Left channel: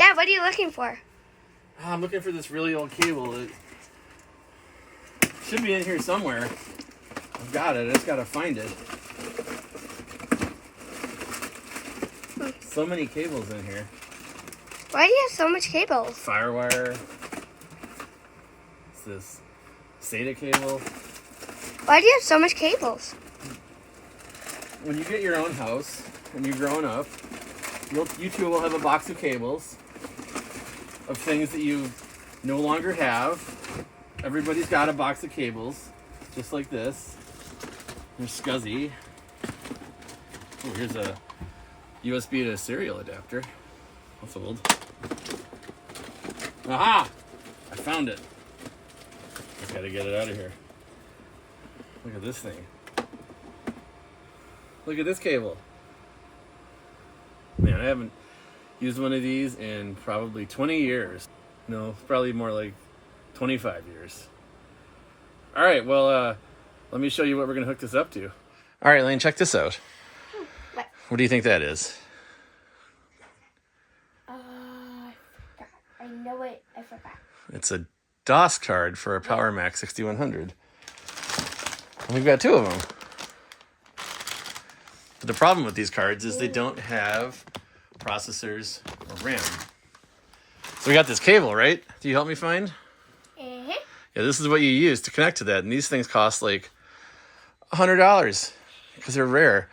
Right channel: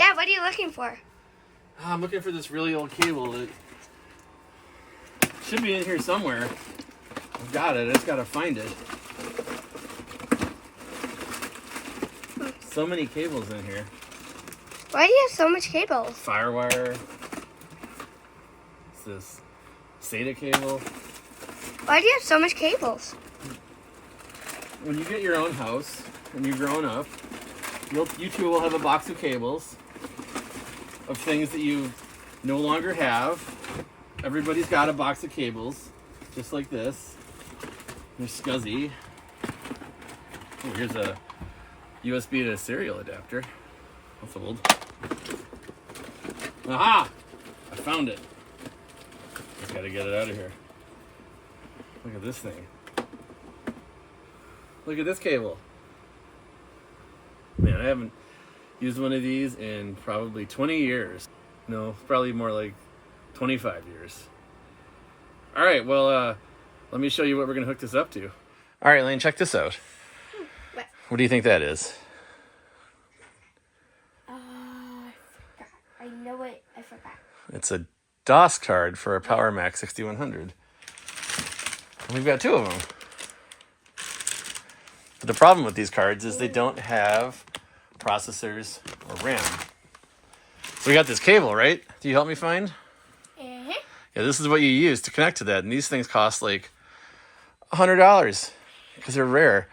Dad, what are you looking for? I'm looking for this really old cable. It should be in here somewhere. I've got it. I just gotta find it. So many cables in here. Why do you have so much cables? Firewire. It's this SATA cable. Why do you have so much cables? When you get your own house and you're growing up, you too will have a box of cables of things that you no longer have. Everybody's got a box of cables, just like this. There's SCSI. Oh, here's a USB to serial adapter. That's old. Aha! I found it. I gotta get it out of here. Look at this thing. Look at this cable. Man, I haven't used one of these in probably 20 years. No, probably more like 25 years. All right, well, let me show you what we're gonna hook this up to. All right, Lane, check this out. What do you think that is? I forgot. I know it. I forgot. It's a DOS card for a PowerMac 6100. And we've got two of them. But the problem with these cards is they don't have processors or RAM. So we got this cable, right? Do you help me find? Mm-hmm. Yeah, this is what you use to connect to that. And these things cost like $100 because they're rare.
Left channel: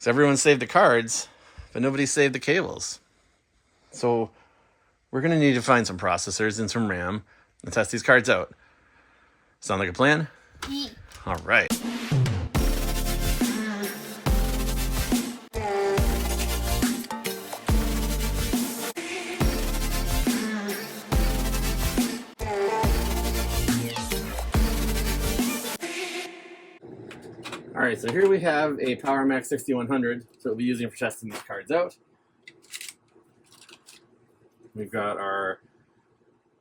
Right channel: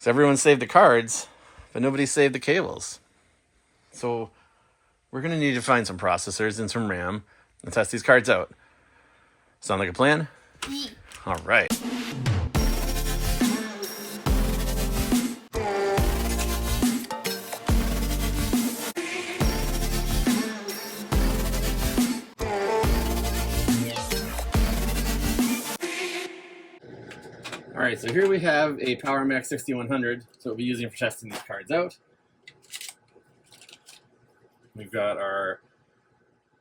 So everyone saved the cards, but nobody saved the cables. So we're going to need to find some processors and some RAM and test these cards out. Sound like a plan? Yeah. All right. All right, so here we have a PowerMac 6100, so we'll be using for testing these cards out. We've got our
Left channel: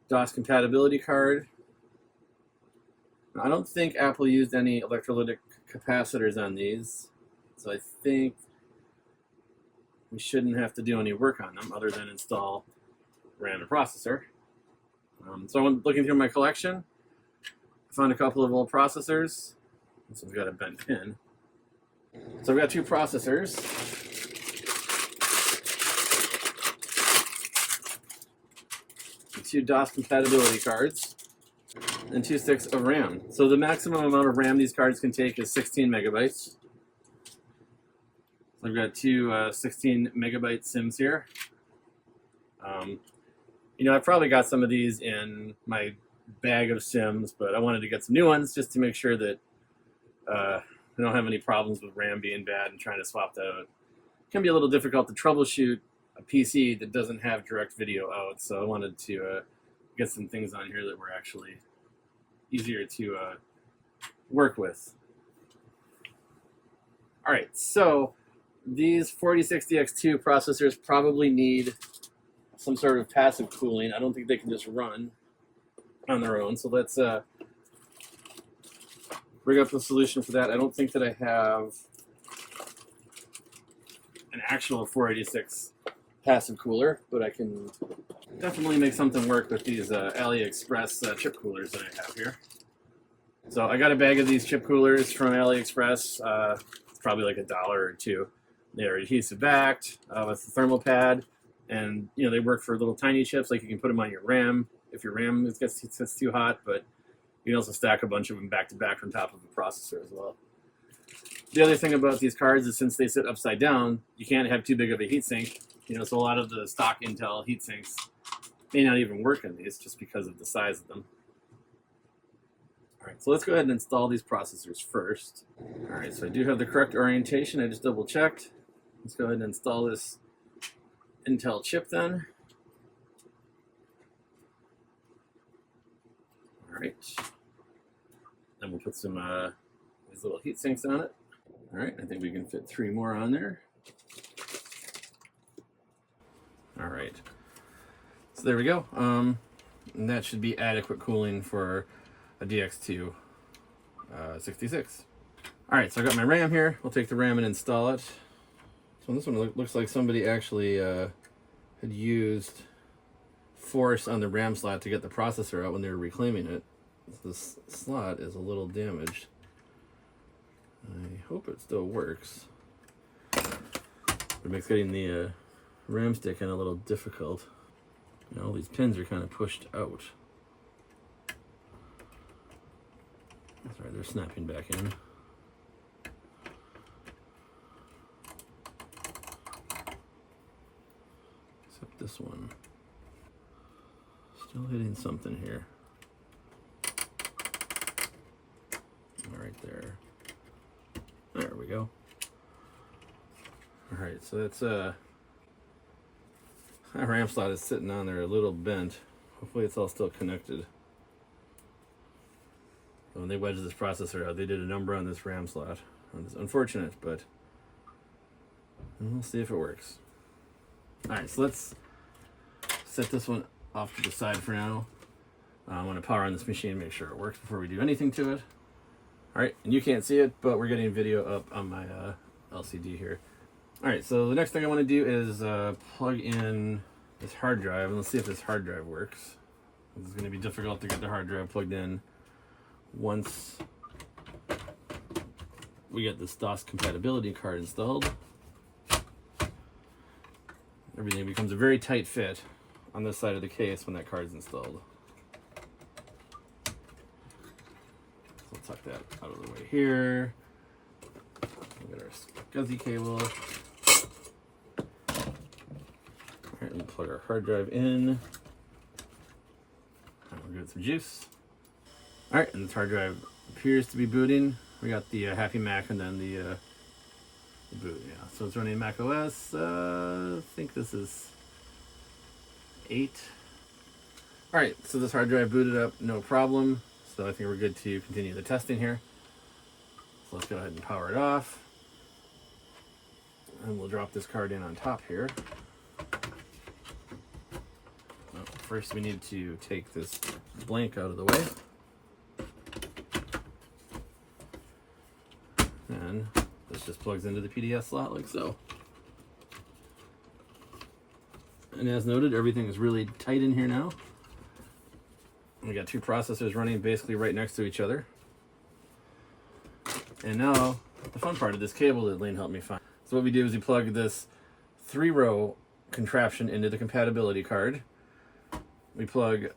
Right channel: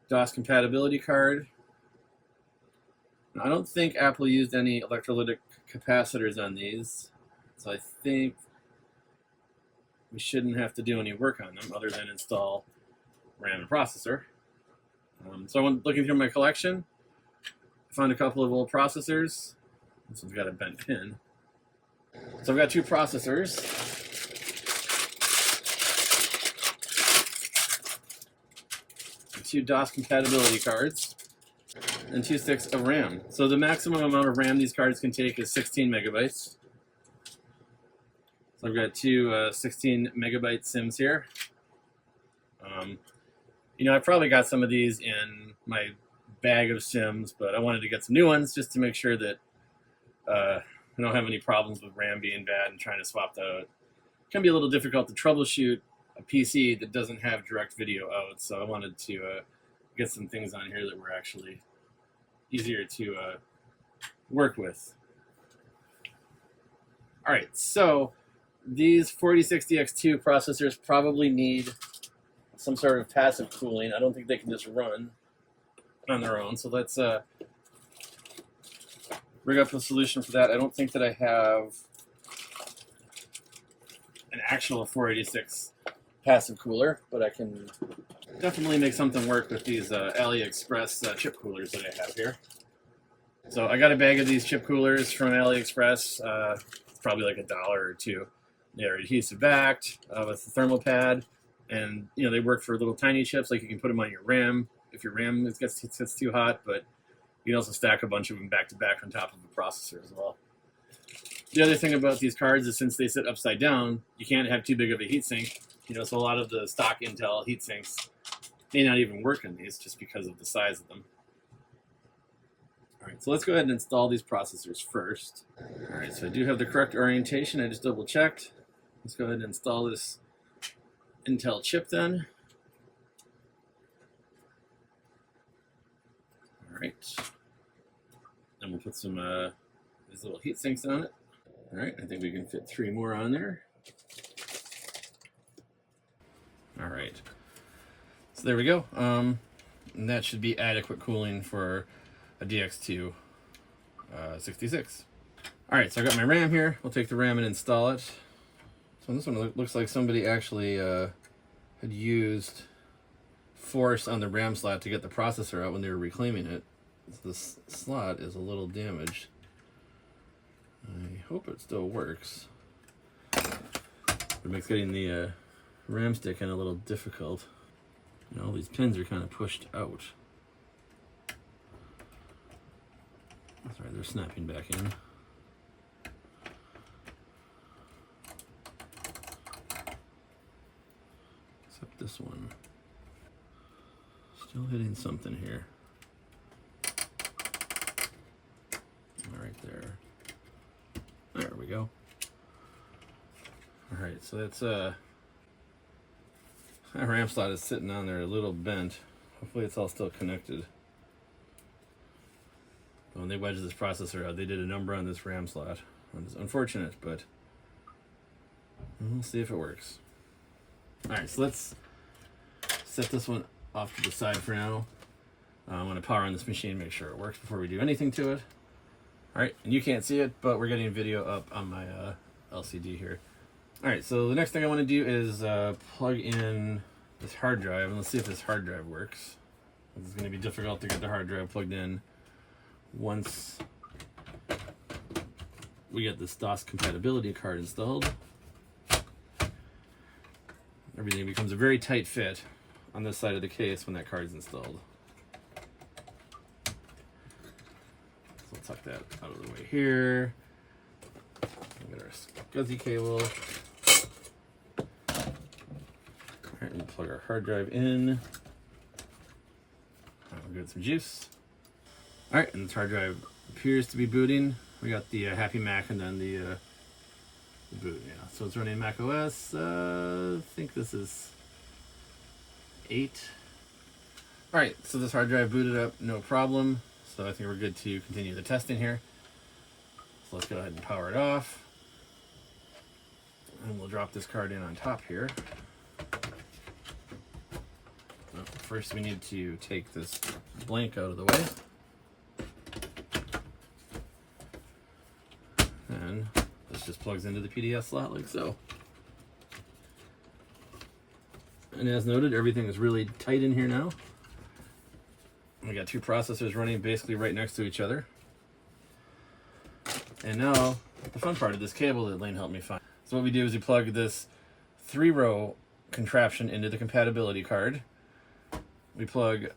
DOS compatibility card. Now, I don't think Apple used any electrolytic capacitors on these, so I think we shouldn't have to do any work on them other than install RAM and processor. So I went looking through my collection, found a couple of old processors. This one's got a bent pin. So I've got two processors. Two DOS compatibility cards. And 2 sticks of RAM. So the maximum amount of RAM these cards can take is 16 megabytes. So I've got two 16 megabyte SIMs here. You know, I've probably got some of these in my bag of SIMs, but I wanted to get some new ones just to make sure that I don't have any problems with RAM being bad and trying to swap that out. It can be a little difficult to troubleshoot a PC that doesn't have direct video out, so I wanted to get some things on here that were actually easier to work with. All right, so these 4060X2 processors probably need some sort of passive cooling. I don't think they can just run on their own, so let's rig up the solution for that. I don't think that I have an actual 486 passive cooler, but I can definitely make something work with these AliExpress chip coolers that I have here. So I got a bag of these chip coolers from AliExpress. It's probably like $1 or $2. They're adhesive backed with a thermal pad, and you know they work for little tiny chips. Like you can put them on your RAM if your RAM gets too hot, but you can also stack a bunch of them back to back on top of the processor as well. The other thing about these cards is since they sit upside down, you can't have too big of a heatsink. You know, so a lot of the stock Intel heatsinks may not even work on these just because of the size of them. All right, so let's go ahead and install these processors first. All right, so I do have the correct orientation. I just double checked. Let's go ahead and install this Intel chip then. All right. Then we'll put some these little heat sinks on it. All right, I think we can fit 3 more on there. All right. So there we go. And that should be adequate cooling for a DX2 66. All right, so I got my RAM here. We'll take the RAM and install it. So this one looks like somebody actually had used force on the RAM slot to get the processor out when they were reclaiming it. This slot is a little damaged. I hope it still works. It makes getting the RAM stick in a little difficult. You know, all these pins are kind of pushed out. That's right, they're snapping back in. Except this one. Still hitting something here. Right there. There we go. Alright, so that's that RAM slot is sitting on there a little bent. Hopefully it's all still connected. When they wedged this processor out, they did a number on this RAM slot. It's unfortunate, but we'll see if it works. Alright, so let's set this one off to the side for now. I want to power on this machine, make sure it works before we do anything to it. Alright, and you can't see it, but we're getting video up on my LCD here. Alright, so the next thing I want to do is plug in this hard drive, and let's see if this hard drive works. It's going to be difficult to get the hard drive plugged in once we get this DOS compatibility card installed. Everything becomes a very tight fit on this side of the case when that card's installed. So we'll tuck that out of the way here. We'll get our SCSI cable. Alright, and plug our hard drive in. We'll give it some juice. Alright, and this hard drive appears to be booting. We got the Happy Mac and then the boot, yeah. So it's running Mac OS. I think this is 8. Alright, so this hard drive booted up, no problem. So I think we're good to continue the testing here. So let's go ahead and power it off. And we'll drop this card in on top here. Well, first we need to take this blank out of the way. And this just plugs into the PDS slot like so. And as noted, everything is really tight in here now. We got two processors running basically right next to each other. And now, the fun part of this cable that Lane helped me find. So what we do is we plug this 3-row contraption into the compatibility card. We plug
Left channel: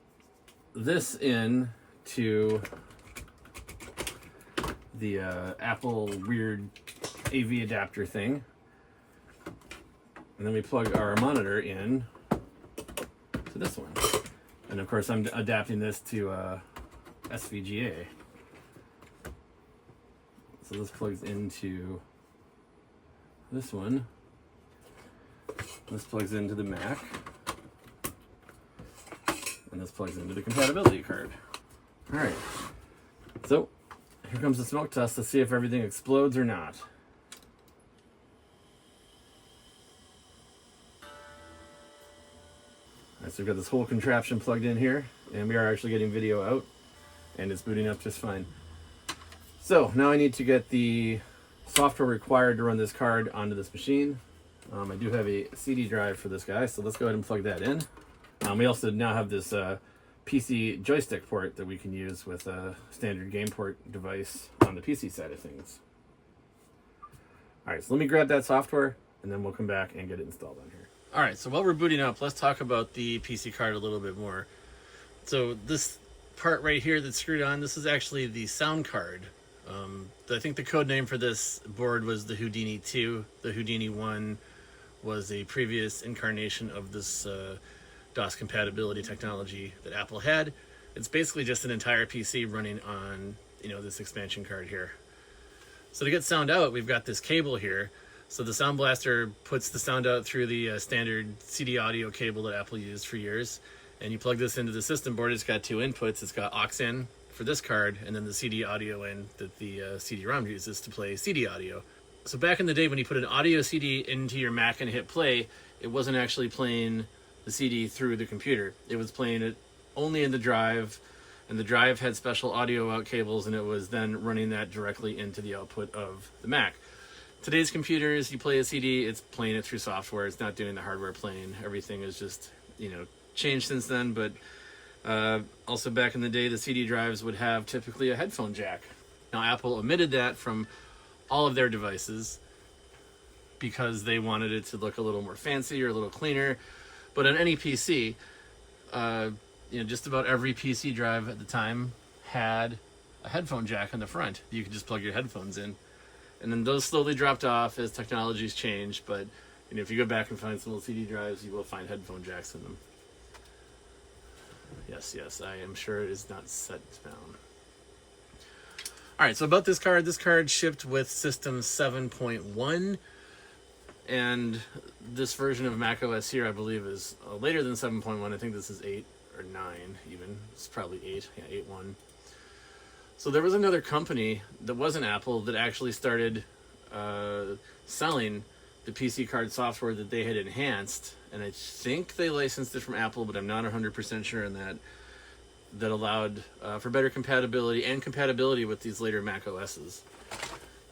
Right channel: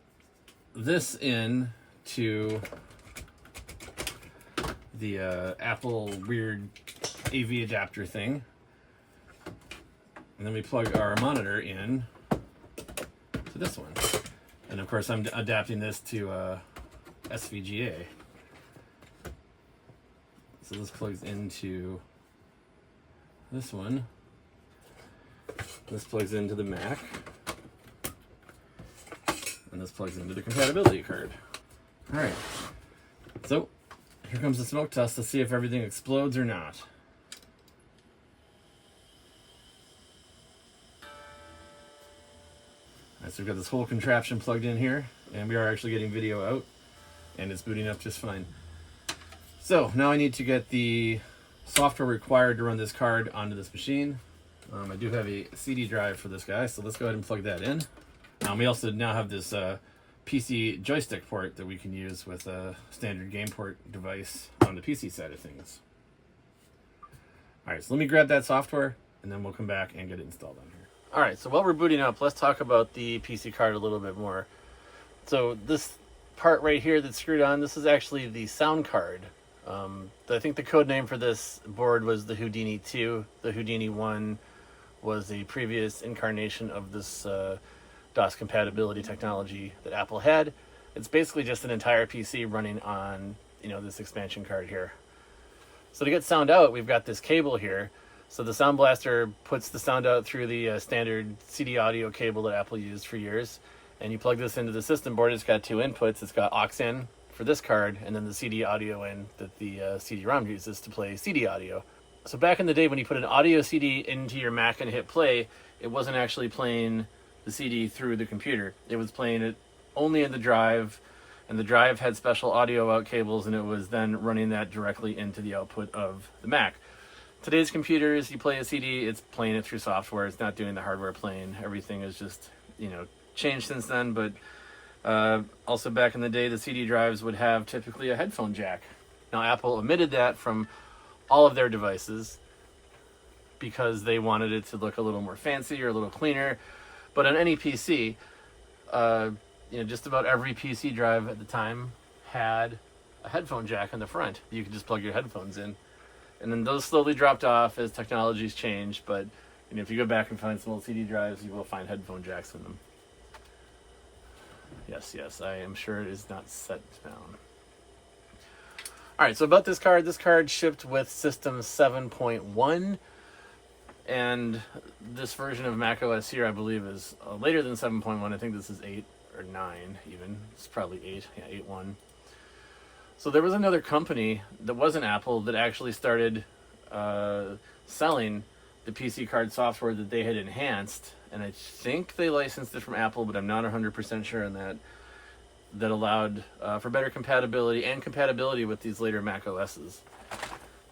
this in to the Apple weird AV adapter thing. And then we plug our monitor in to this one. And of course I'm adapting this to SVGA. So this plugs into this one. This plugs into the Mac. And this plugs into the compatibility card. Alright. So here comes the smoke test to see if everything explodes or not. Alright, so we've got this whole contraption plugged in here, and we are actually getting video out, and it's booting up just fine. So now I need to get the software required to run this card onto this machine. I do have a CD drive for this guy, so let's go ahead and plug that in. We also now have this PC joystick port that we can use with a standard game port device on the PC side of things. Alright, so let me grab that software, and then we'll come back and get it installed on here. Alright, so while we're booting up, let's talk about the PC card a little bit more. So this part right here that's screwed on, this is actually the sound card. I think the code name for this board was the Houdini II. The Houdini I was a previous incarnation of this DOS compatibility technology that Apple had. It's basically just an entire PC running on, this expansion card here. So to get sound out, we've got this cable here. So the Sound Blaster puts the sound out through the standard CD audio cable that Apple used for years. And you plug this into the system board. It's got two inputs. It's got aux in for this card, and then the CD audio in that the CD-ROM uses to play CD audio. So back in the day when you put an audio CD into your Mac and hit play, it wasn't actually playing the CD through the computer. It was playing it only in the drive, and the drive had special audio out cables, and it was then running that directly into the output of the Mac. Today's computers, you play a CD, it's playing it through software. It's not doing the hardware playing. Everything is just, changed since then, but also back in the day, the CD drives would have typically a headphone jack. Now, Apple omitted that from all of their devices because they wanted it to look a little more fancy or a little cleaner. But on any PC, just about every PC drive at the time had a headphone jack in the front. You could just plug your headphones in. And then those slowly dropped off as technology's changed, but if you go back and find some old CD drives, you will find headphone jacks in them. Yes, I am sure it is not set down. Alright, so about this card shipped with System 7.1, and this version of macOS here, I believe, is later than 7.1. I think this is 8 or 9 even. It's probably 8, 8.1. So there was another company that wasn't Apple that actually started selling the PC card software that they had enhanced, and I think they licensed it from Apple, but I'm not 100% sure on that. That allowed for better compatibility and compatibility with these later Mac OSs.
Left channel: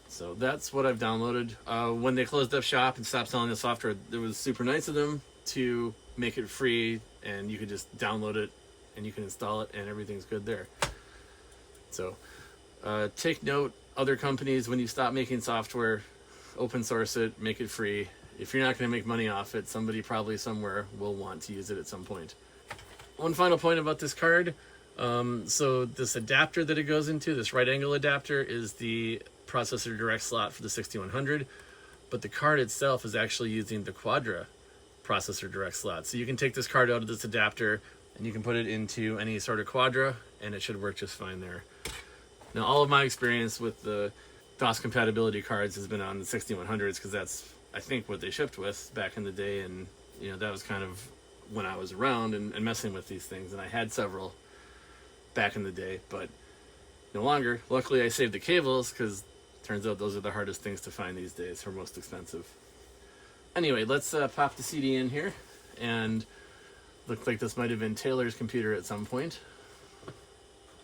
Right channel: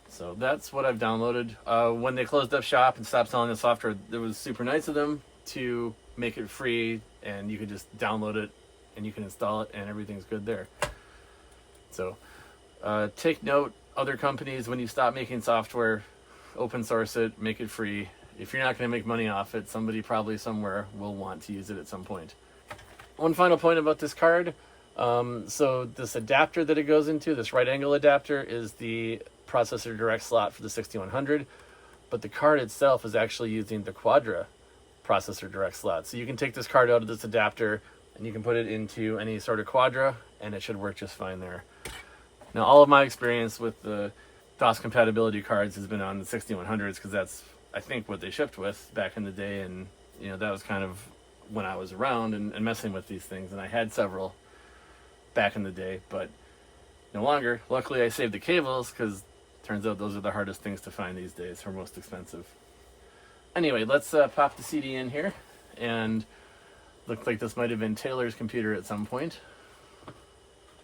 So that's what I've downloaded. When they closed up shop and stopped selling the software, it was super nice of them to make it free, and you could just download it and you can install it and everything's good there. So take note, other companies, when you stop making software, open source it, make it free. If you're not going to make money off it, somebody probably somewhere will want to use it at some point. One final point about this card. So this adapter that it goes into, this right angle adapter, is the processor direct slot for the 6100, but the card itself is actually using the Quadra processor direct slot. So you can take this card out of this adapter and you can put it into any sort of Quadra and it should work just fine there. Now, all of my experience with the DOS compatibility cards has been on the 6100s because that's, I think, what they shipped with back in the day, and that was kind of when I was around and messing with these things, and I had several back in the day, but no longer. Luckily, I saved the cables because turns out those are the hardest things to find these days, or most expensive. Anyway, let's pop the CD in here, and looked like this might have been Taylor's computer at some point.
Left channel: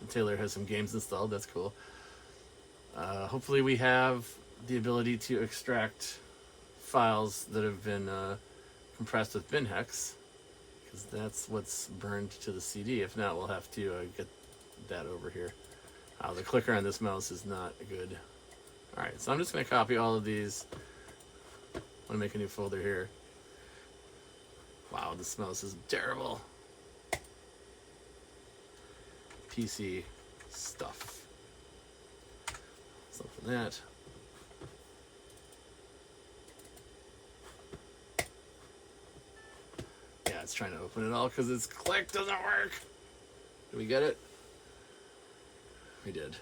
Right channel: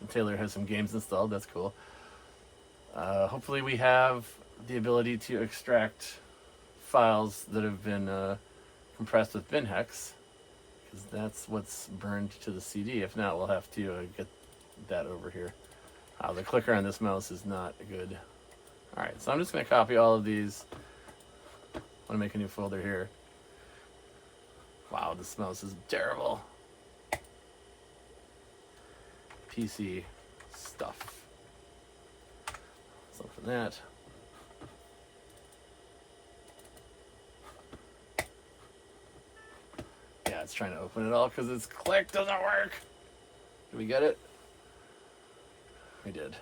And Taylor has some games installed, that's cool. Hopefully we have the ability to extract files that have been compressed with bin hex, because that's what's burned to the CD. If not, we'll have to get that over here. The clicker on this mouse is not good. Alright, so I'm just going to copy all of these. I'm going to make a new folder here. Wow, this mouse is terrible. PC stuff. Something for that. Yeah, it's trying to open it all because its click doesn't work. Did we get it? We did.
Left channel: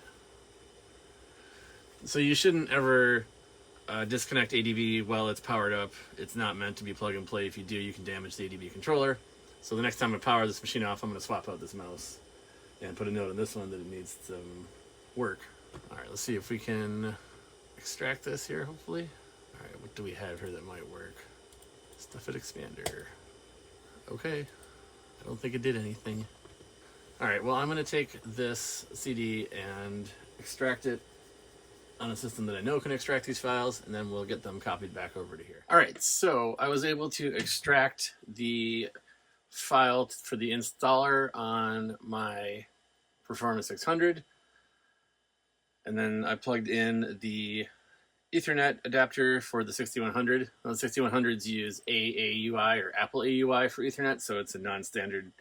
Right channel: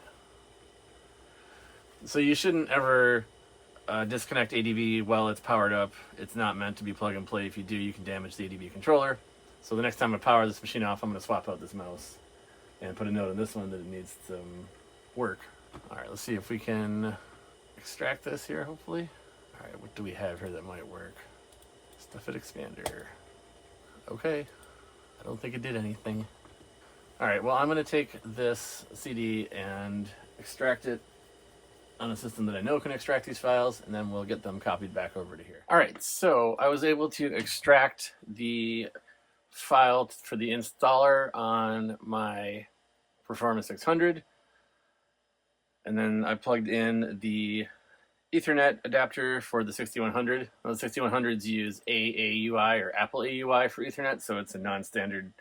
So you shouldn't ever disconnect ADB while it's powered up. It's not meant to be plug and play. If you do, you can damage the ADB controller. So the next time I power this machine off, I'm going to swap out this mouse and put a note on this one that it needs to work. Alright, let's see if we can extract this here, hopefully. Alright, what do we have here that might work? Stuff it expander. Okay, I don't think it did anything. Alright, well, I'm going to take this CD and extract it on a system that I know can extract these files, and then we'll get them copied back over to here. Alright, so I was able to extract the file for the installer on my Performance 600, and then I plugged in the Ethernet adapter for the 6100. Well, the 6100s use AAUI or Apple AUI for Ethernet, so it's a non-standard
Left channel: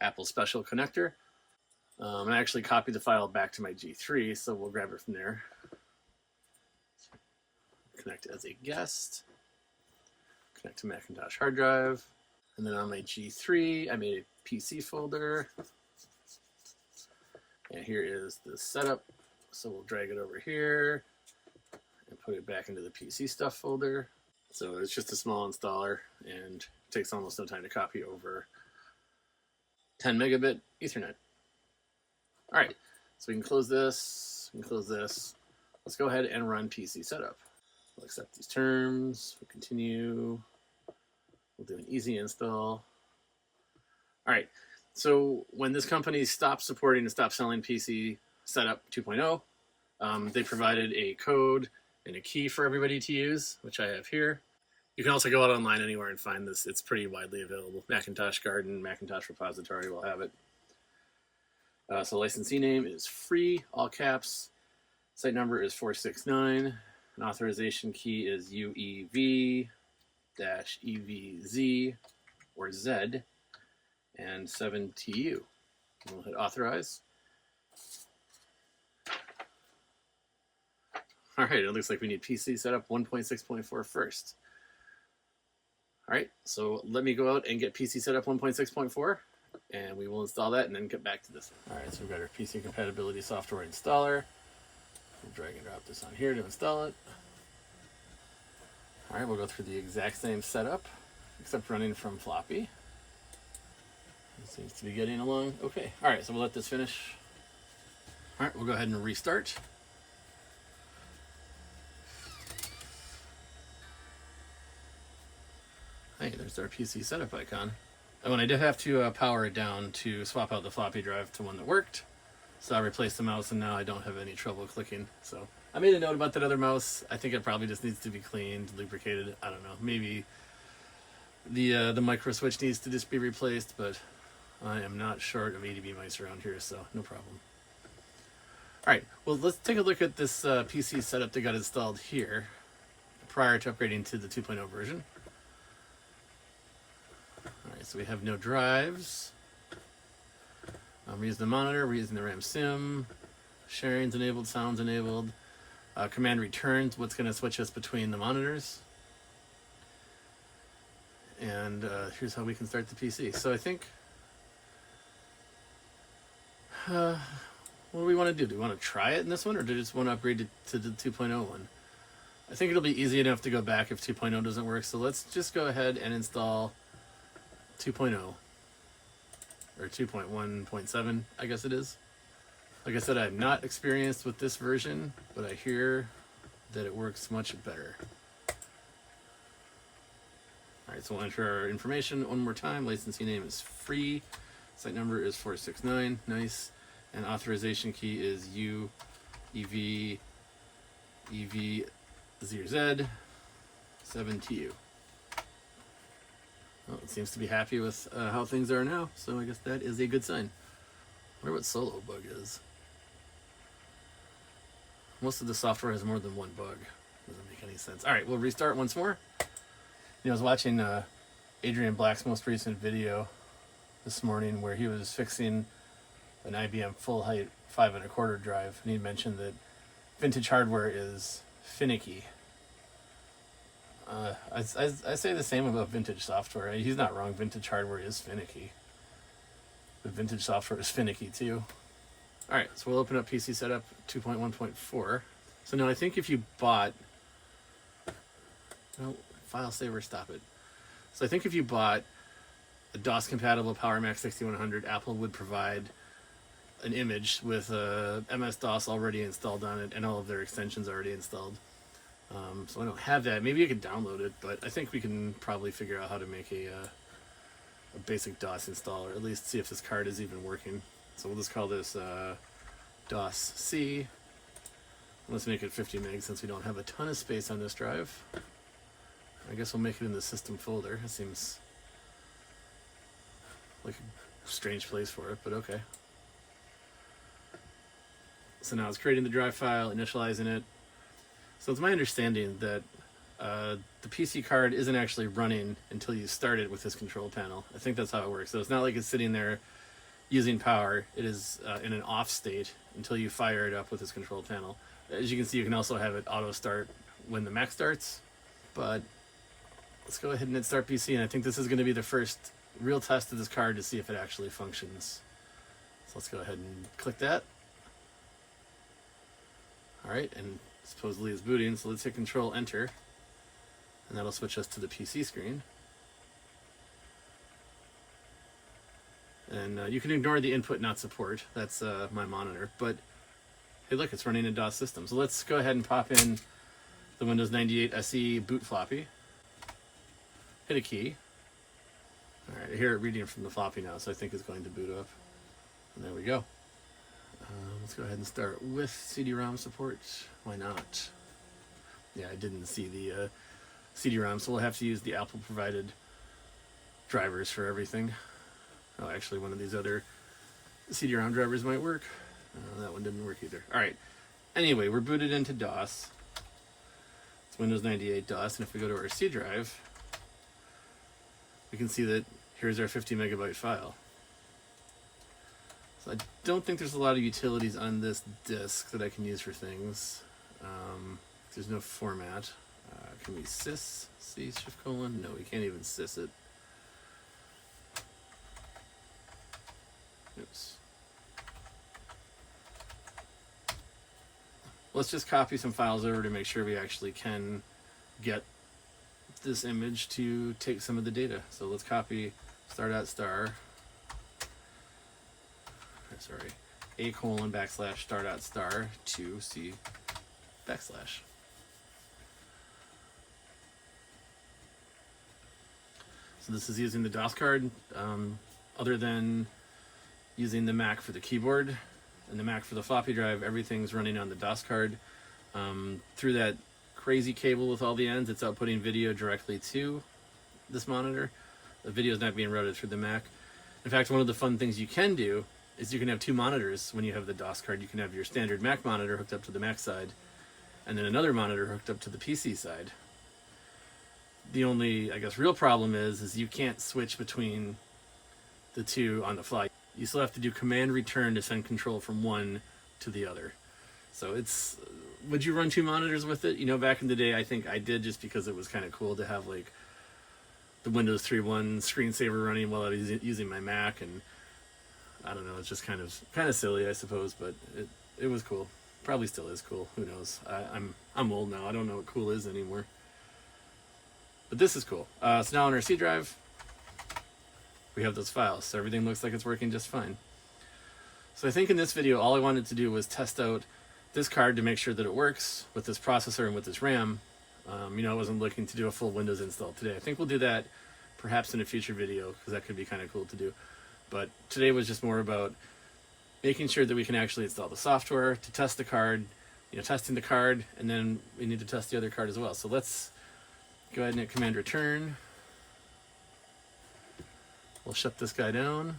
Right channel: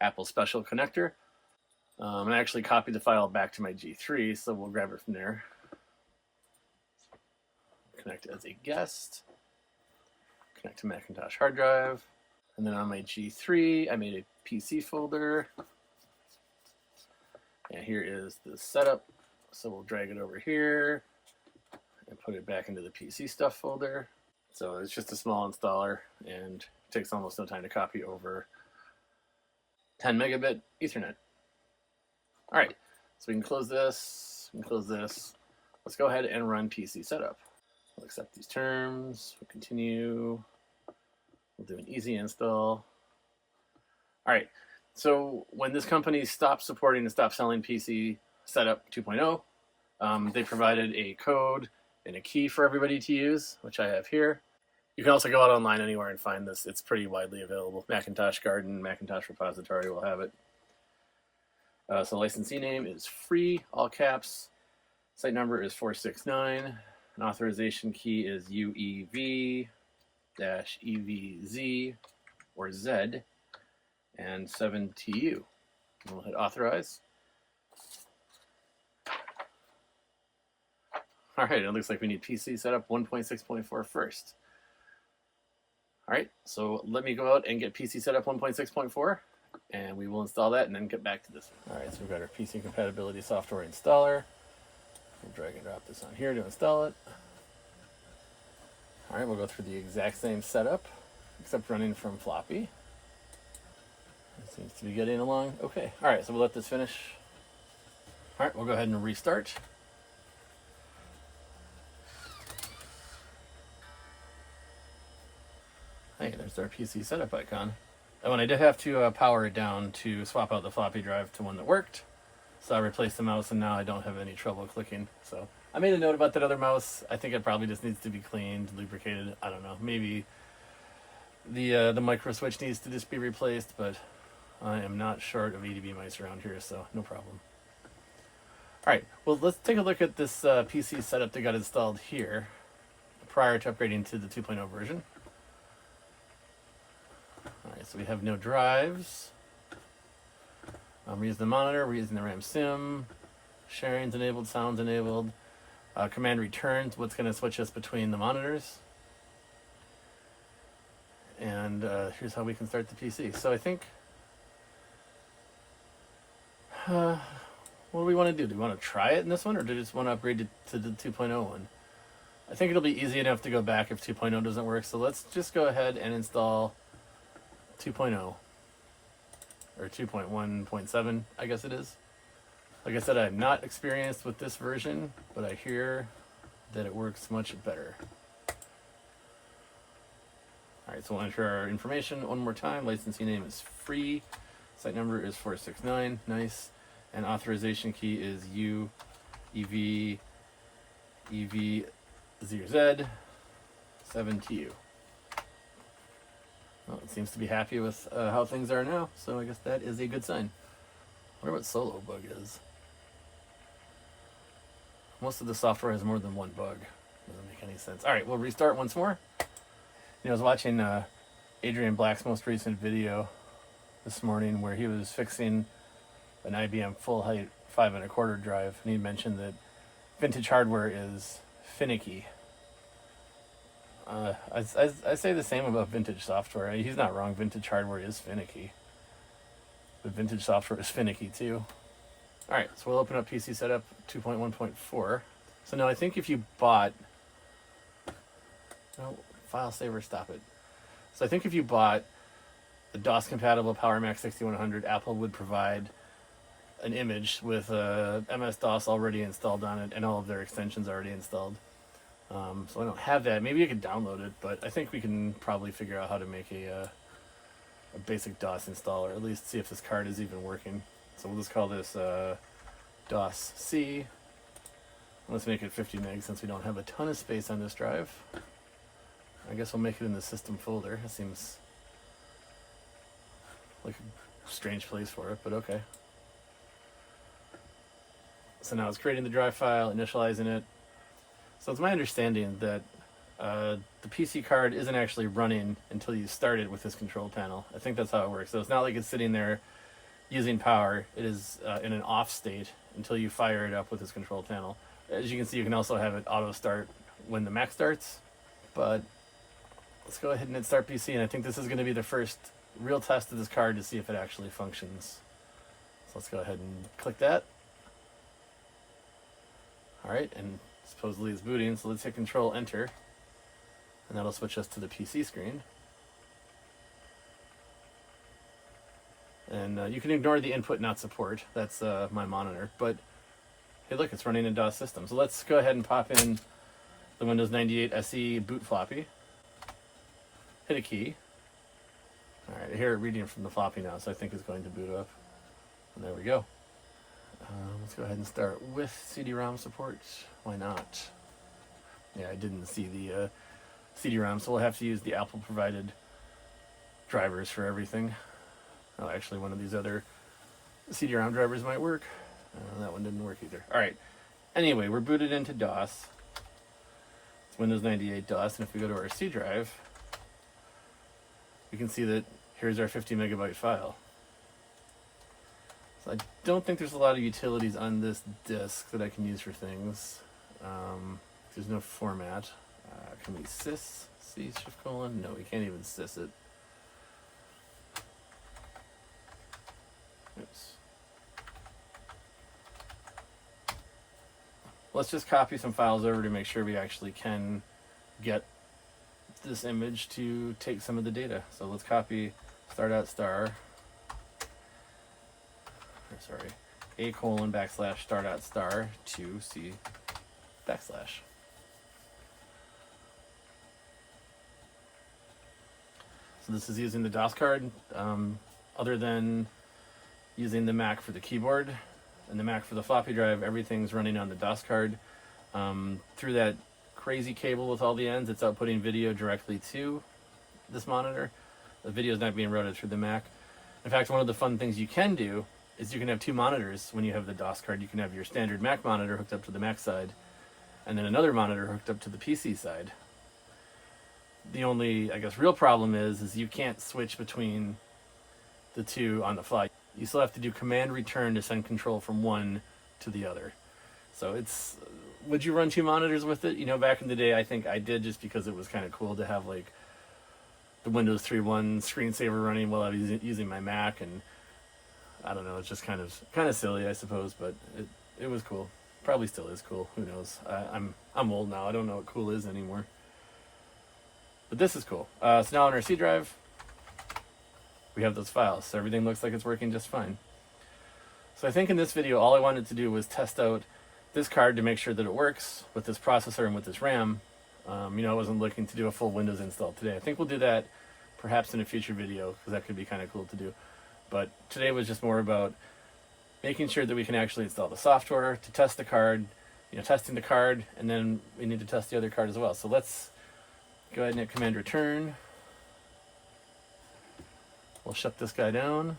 Apple special connector. And I actually copied the file back to my G3, so we'll grab it from there. Connect as a guest. Connect to Macintosh hard drive. And then on my G3, I made a PC folder. And here is the setup. So we'll drag it over here and put it back into the PC stuff folder. So it's just a small installer and it takes almost no time to copy over 10 megabit Ethernet. All right, so we can close this, we can close this. Let's go ahead and run PC setup. We'll accept these terms, we'll continue. We'll do an easy install. All right, so when this company stopped supporting and stopped selling PC Setup 2.0, they provided a code and a key for everybody to use, which I have here. You can also go out online anywhere and find this. It's pretty widely available. Macintosh Garden, Macintosh Repository will have it. So licensee name is free, all caps. Site number is 469. An authorization key is UEV-EVZ or Z and 7TU. We'll hit authorize. All right, it looks like we need PC setup 1.6.4 first. All right, so let me go out and get PC setup 1.6.4, and we will install that and then get back to this. All right, so we've got our PC compatibility software installer. We'll drag and drop this on here to install it. All right, we'll go through the exact same setup, except running from floppy. It seems to be getting along okay. All right, so we'll let this finish. All right, we'll go ahead and restart. Hey, there's our PC setup icon. Oh, and I did have to power it down to swap out the floppy drive to one that worked. So I replaced the mouse, and now I don't have any trouble clicking. So I made a note about that other mouse. I think it probably just needs to be cleaned, lubricated. I don't know. Maybe the micro switch needs to just be replaced, but I am not short of ADB mice around here, so no problem. All right, well, let's take a look at this PC setup that got installed here prior to upgrading to the 2.0 version. All right, so we have no drives. We're using the monitor, we're using the RAM sim, sharing's enabled, sound's enabled. Command returns, what's going to switch us between the monitors. And here's how we can start the PC. So I think, what do we want to do? Do we want to try it in this one, or do we just want to upgrade it to the 2.0 one? I think it'll be easy enough to go back if 2.0 doesn't work, so let's just go ahead and install 2.0. Or 2.1.7, I guess it is. Like I said, I'm not experienced with this version, but I hear that it works much better. All right, so we'll enter our information one more time. Licensee name is free. Site number is 469. Nice. And authorization key is UEV-EVZ 7TU. Well, it seems to be happy with how things are now, so I guess that is a good sign. I wonder what solo bug is. Most of the software has more than one bug. Doesn't make any sense. All right, we'll restart once more. I was watching Adrian Black's most recent video this morning where he was fixing an IBM full height 5 1/4 drive, and he mentioned that vintage hardware is finicky. I say the same about vintage software. He's not wrong. Vintage hardware is finicky. But vintage software is finicky too. All right, so we'll open up PC Setup 2.1.4. So now I think if you bought... Oh, file saver, stop it. So I think if you bought a DOS-compatible PowerMac 6100, Apple would provide an image with MS-DOS already installed on it and all of their extensions already installed. So I don't have that. Maybe you could download it, but I think we can probably figure out how to make a basic DOS install, or at least see if this card is even working. So we'll just call this DOS-C. Let's make it 50 meg since we don't have a ton of space on this drive. I guess we'll make it in the system folder. It seems like a strange place for it, but okay. So now it's creating the drive file, initializing it. So it's my understanding that the PC card isn't actually running until you start it with this control panel. I think that's how it works. So it's not like it's sitting there using power. It is in an off state until you fire it up with this control panel. As you can see, you can also have it auto start when the Mac starts. But let's go ahead and hit start PC, and I think this is going to be the first real test of this card to see if it actually functions. So let's go ahead and click that. All right, and supposedly it's booting, so let's hit Control Enter, and that'll switch us to the PC screen. And you can ignore the input not support. That's my monitor. But hey, look, it's running a DOS system. So let's go ahead and pop in the Windows 98 SE boot floppy. Hit a key. All right, I hear it reading from the floppy now, so I think it's going to boot up. And there we go. Let's go ahead and start with CD-ROM support. Why not? Yeah, I didn't see the CD-ROM, so we'll have to use the Apple provided drivers for everything. Oh, actually one of these other CD-ROM drivers might work. That one didn't work either. Alright, anyway, we're booted into DOS. It's Windows 98 DOS, and if we go to our C drive, we can see that here's our 50 megabyte file. So I don't think there's a lot of utilities on this disk that I can use for things. There's no format. Can we sys C shift colon? No, we can't even sys it. Oops. Let's just copy some files over to make sure we actually can get this image to take some of the data. So let's copy star.star. Sorry, a colon backslash star.star to C backslash. So this is using the DOS card. Other than using the Mac for the keyboard and the Mac for the floppy drive, everything's running on the DOS card. Through that crazy cable with all the ends, it's outputting video directly to this monitor. The video is not being routed through the Mac. In fact, one of the fun things you can do is you can have two monitors when you have the DOS card. You can have your standard Mac monitor hooked up to the Mac side, and then another monitor hooked up to the PC side. The only, I guess, real problem is you can't switch between the two on the fly. You still have to do command return to send control from one to the other. So it's, would you run two monitors with it? You know, back in the day, I think I did, just because it was kind of cool to have like the Windows 3.1 screensaver running while I was using my Mac, and I don't know, it's just kind of silly, I suppose, but it was cool. Probably still is cool. Who knows? I'm old now. I don't know what cool is anymore. But this is cool. So now on our C drive, we have those files. So everything looks like it's working just fine. So I think in this video, all I wanted to do was test out this card to make sure that it works with this processor and with this RAM. You know, I wasn't looking to do a full Windows install today. I think we'll do that perhaps in a future video, because that could be kind of cool to do. But today was just more about making sure that we can actually install the software to test the card, you know, testing the card, and then we need to test the other card as well. So let's go ahead and hit command return. We'll shut this guy down.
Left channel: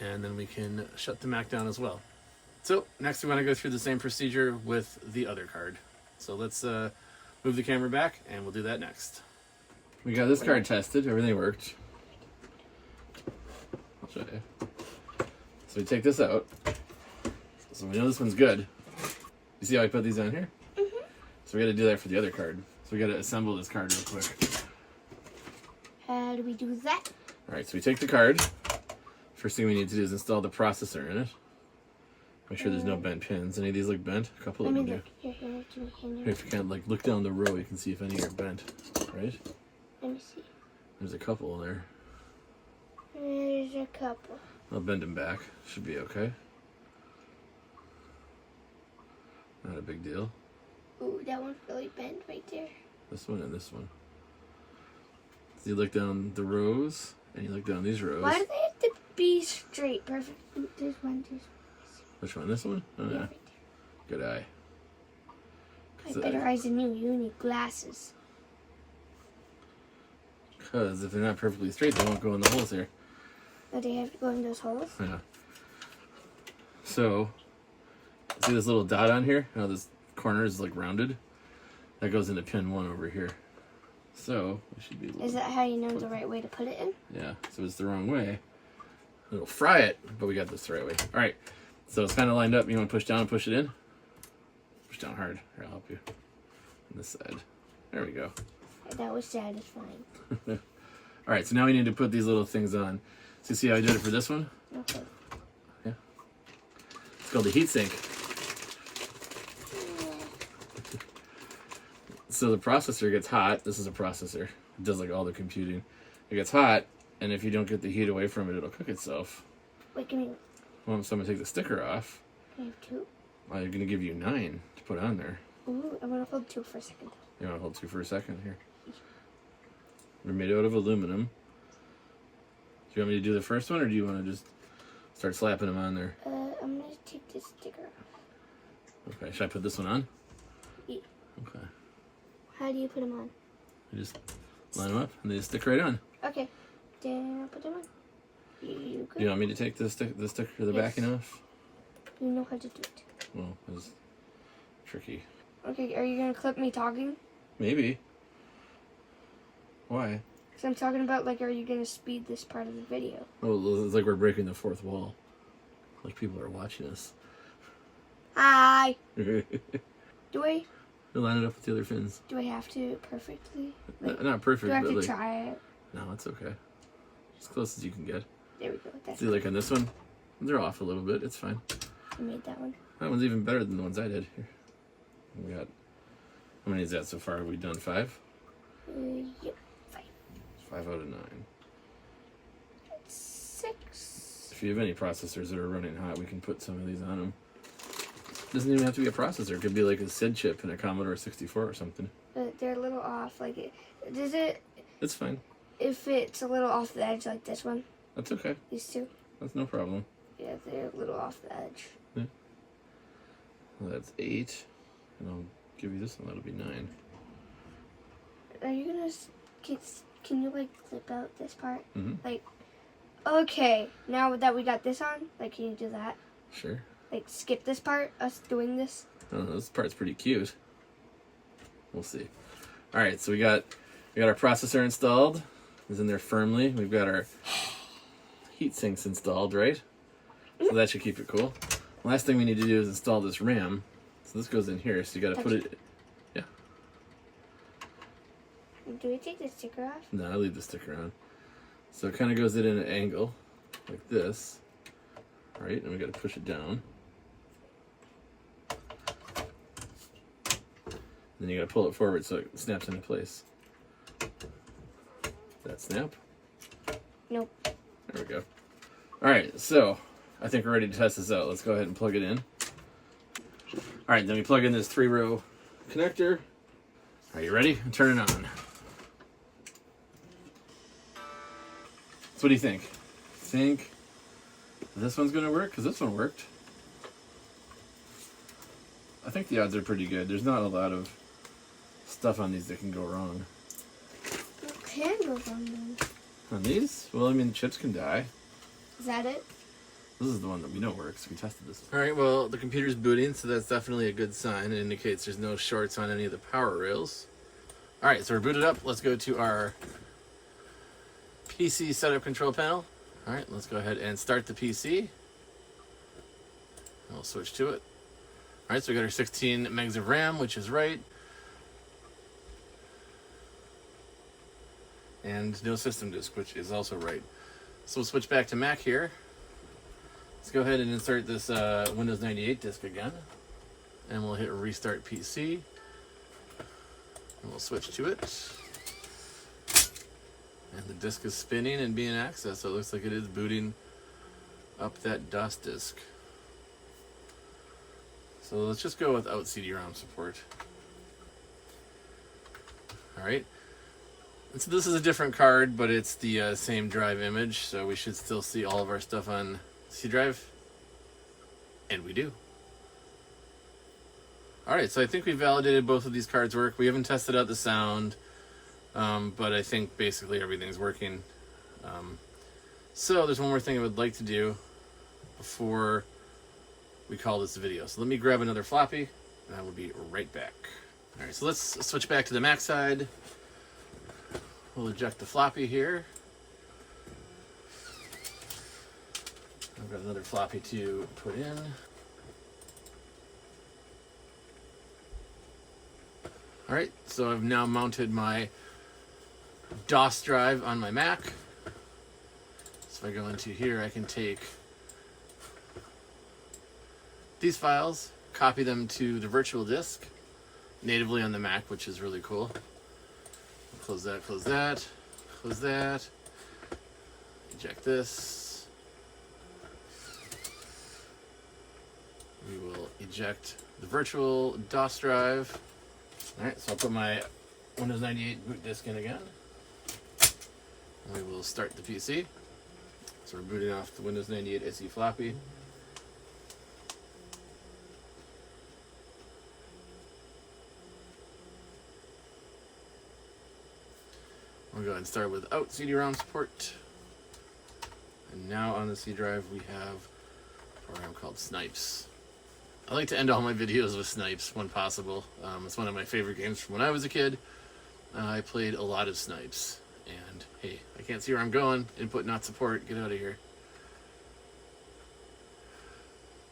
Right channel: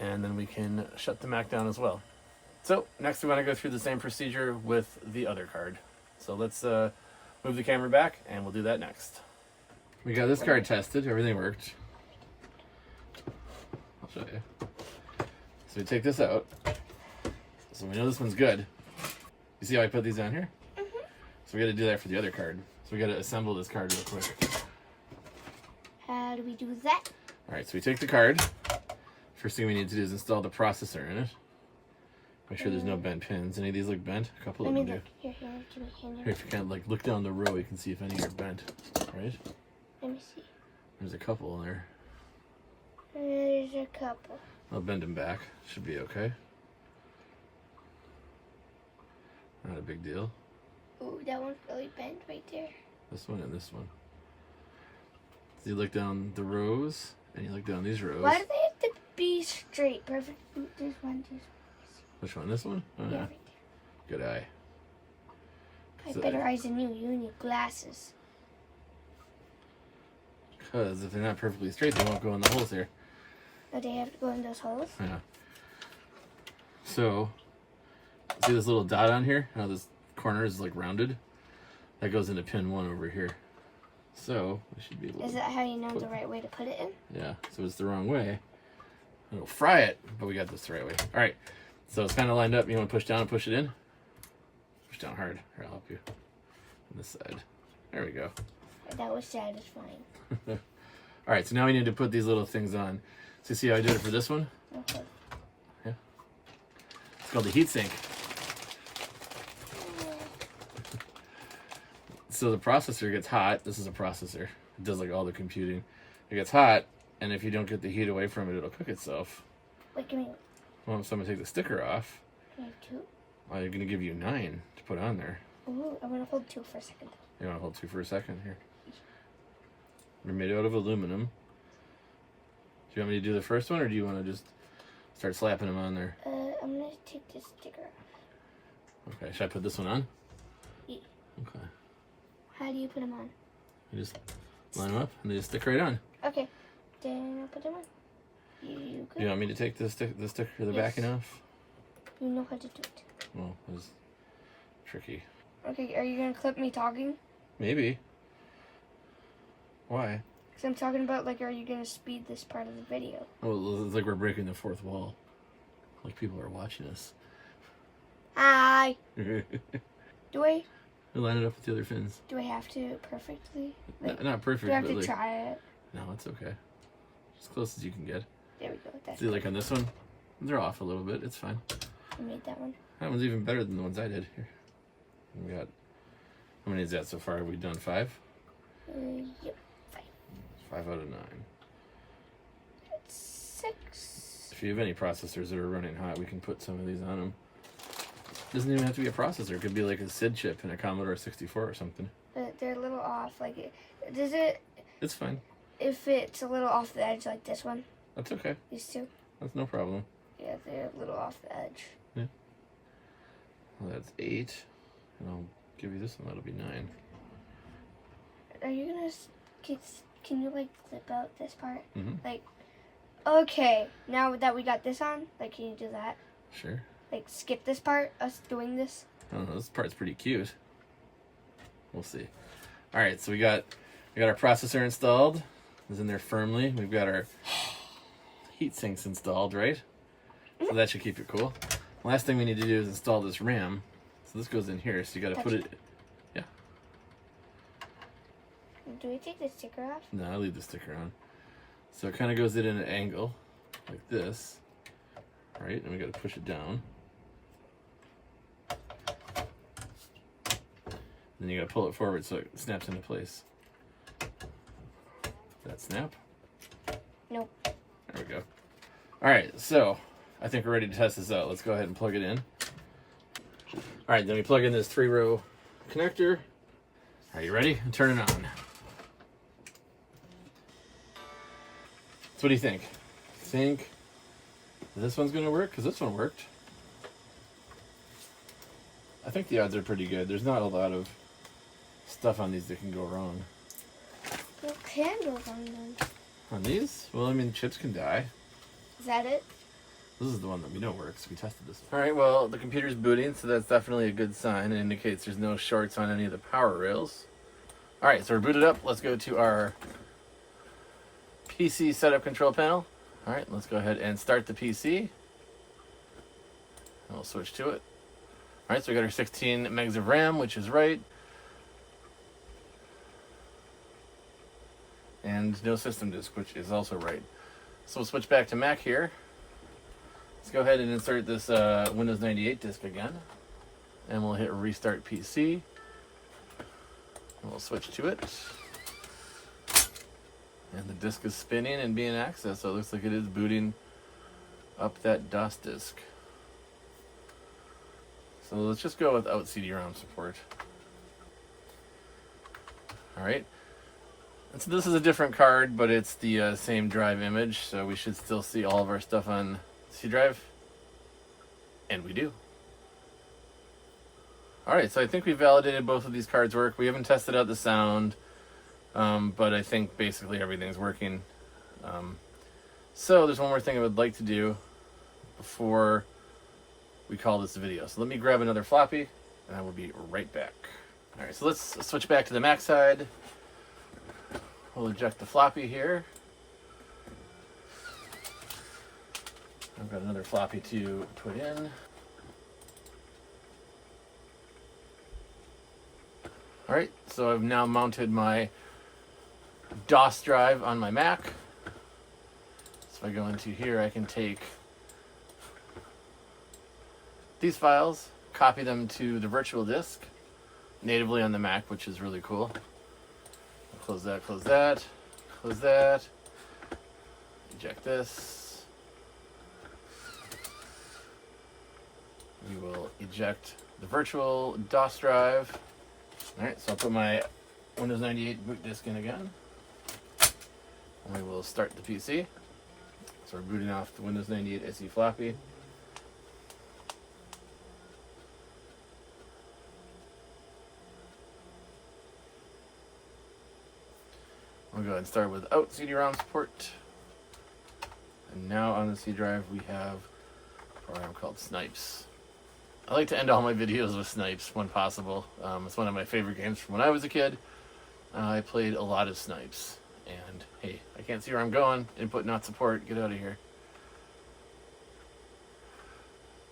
And then we can shut the Mac down as well. So next we want to go through the same procedure with the other card. So let's move the camera back, and we'll do that next. We got this card tested. Everything worked. I'll show you. So we take this out. So we know this one's good. You see how I put these on here? Mm-hmm. So we got to do that for the other card. So we got to assemble this card real quick. How do we do that? All right, so we take the card. First thing we need to do is install the processor in it. Make sure there's no bent pins. Any of these look bent? A couple of them do. Here, If you can't, like, look down the row, you can see if any are bent, right? Let me see. There's a couple there. There's a couple. I'll bend them back. Should be okay. Not a big deal. Ooh, that one's really bent right there. This one and this one. So you look down the rows, and you look down these rows. Why do they have to be straight? Perfect. Ooh, there's one. Which one? This one? Oh, yeah. Good eye. I have better eyes than you. You need glasses. Because if they're not perfectly straight, they won't go in the holes here. Oh, they have to go in those holes? Yeah. So, see this little dot on here? How this corner is like rounded? That goes into pin 1 over here. So, it should be... Is that how you know the right way to put it in? Yeah, so it's the wrong way. It'll fry it, but we got this the right way. Alright, so it's kind of lined up. You want to push down and push it in? Push down hard. Here, I'll help you. On this side. There we go. That was satisfying. Alright, so now we need to put these little things on. So you see how I did it for this one? Okay. Yeah. It's called the heatsink. So the processor gets hot. This is a processor. It does like all the computing. It gets hot, and if you don't get the heat away from it, it'll cook itself. Wait, give me... Well, if someone take the sticker off, Can I have 2? well, you're going to give you 9 to put on there. Ooh, I want to hold 2 for a second. You want to hold 2 for a second here? They're made out of aluminum. Do you want me to do the first one, or do you want to just Start slapping them on there. I'm gonna take this sticker off. Okay, should I put this one on? Yeah. Okay. How do you put them on? You just line them up and they just stick right on. Okay. Then I'll put them on. You You want me to take the sticker, the Yes. backing off? You know how to do it. Well, it's tricky. Okay, are you gonna clip me talking? Maybe. Why? Because I'm talking about, like, are you gonna speed this part of the video? Oh, it's like we're breaking the fourth wall. Like people are watching us. Hi! You Do I line it up with the other fins. have to perfectly? Like, Not perfect, do I have but to like... try it? No, it's okay. As close as you can get. There we go. That's See, like on this one, they're off a little bit. It's fine. I made that one. That one's even better than the ones I did. Here. We got... How many is that so far? Have we done 5? Yep. 5. 5 out of 9. That's 6. If you have any processors that are running hot, we can put some of these on them. Doesn't even have to be a processor. It could be like a SID chip in a Commodore 64 or something. But they're a little off. Like, does it... It's fine. If it's a little off the edge, like this one, That's okay. these two, That's no problem. yeah, they're a little off the edge. Well, that's 8. And I'll give you this one. That'll be 9. Are you gonna... Can you, like, clip out this part? Mm-hmm. Like, okay, now that we got this on, like, can you do that? Sure. Like, skip this part, us doing this? I don't know. This part's pretty cute. We'll see. All right, so we got our processor installed. It's in there firmly. We've got our heat sinks installed, right? So that should keep it cool. Last thing we need to do is install this RAM. So this goes in here. So you got to put it. Yeah. Do we take the sticker off? No, I leave the sticker on. So it kind of goes in an angle like this, right? And we got to push it down. Then you got to pull it forward so it snaps into place. That snap? Nope. There we go. All right, so I think we're ready to test this out. Let's go ahead and plug it in. All right, then we plug in this 3-row connector. Are you ready? Turn it on. So what do you think? Think this one's gonna work? Because this one worked. I think the odds are pretty good. There's not a lot of stuff on these that can go wrong. What can go wrong then? On these? Well, I mean, chips can die. Is that it? This is the one that we know works. We tested this. All right, well, the computer's booting, so that's definitely a good sign. It indicates there's no shorts on any of the power rails. All right, so we're booted up. Let's go to our PC setup control panel. All right, let's go ahead and start the PC. And we'll switch to it. All right, so we got our 16 megs of RAM, which is right. And no system disk, which is also right. So we'll switch back to Mac here. Let's go ahead and insert this Windows 98 disk again. And we'll hit Restart PC. And we'll switch to it. And the disk is spinning and being accessed, so it looks like it is booting up that DOS disk. So let's just go without CD-ROM support. Alright. And so this is a different card, but it's the same drive image, so we should still see all of our stuff on C drive. And we do. Alright, so I think we validated both of these cards work. We haven't tested out the sound, but I think basically everything's working. So there's one more thing I would like to do before we call this a video. So let me grab another floppy, and I will be right back. Alright, so let's switch back to the Mac side. We'll eject the floppy here. I've got another floppy to put in. Alright, so I've now mounted my DOS drive on my Mac. So if I go into here, I can take these files, copy them to the virtual disk, natively on the Mac, which is really cool. Close that, close that, close that. Eject this. We will eject the virtual DOS drive. Alright, so I'll put my Windows 98 boot disk in again. And we will start the PC. So we're booting off the Windows 98 SE floppy. We'll go ahead and start without CD-ROM support. And now on the C drive we have a program called Snipes. I like to end all my videos with Snipes when possible. It's one of my favorite games from when I was a kid. I played a lot of Snipes. And hey, I can't see where I'm going. Input not support. Get out of here.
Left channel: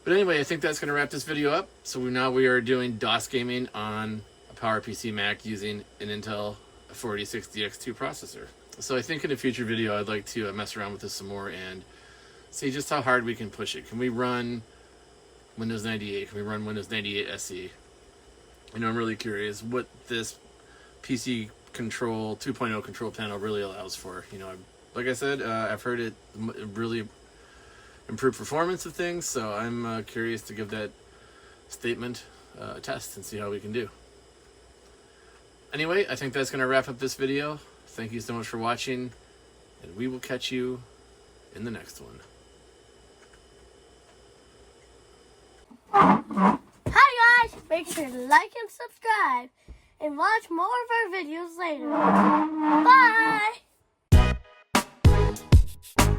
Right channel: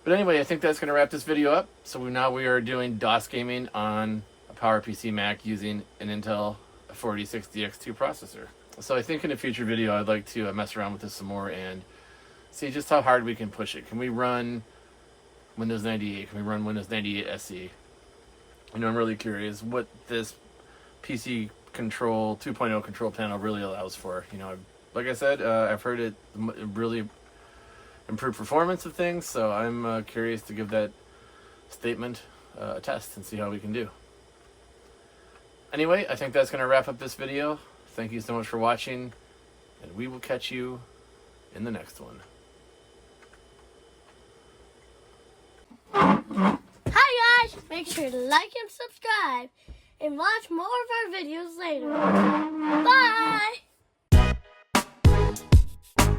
But anyway, I think that's going to wrap this video up. So now we are doing DOS gaming on a PowerPC Mac using an Intel 486DX2 processor. So I think in a future video I'd like to mess around with this some more and see just how hard we can push it. Can we run Windows 98? Can we run Windows 98 SE? I'm really curious what this PC control 2.0 control panel really allows for. Like I said, I've heard it really improve performance of things, so I'm curious to give that statement a test and see how we can do. Anyway, I think that's going to wrap up this video. Thank you so much for watching, and we will catch you in the next one. Hi guys! Make sure to like and subscribe and watch more of our videos later. Bye!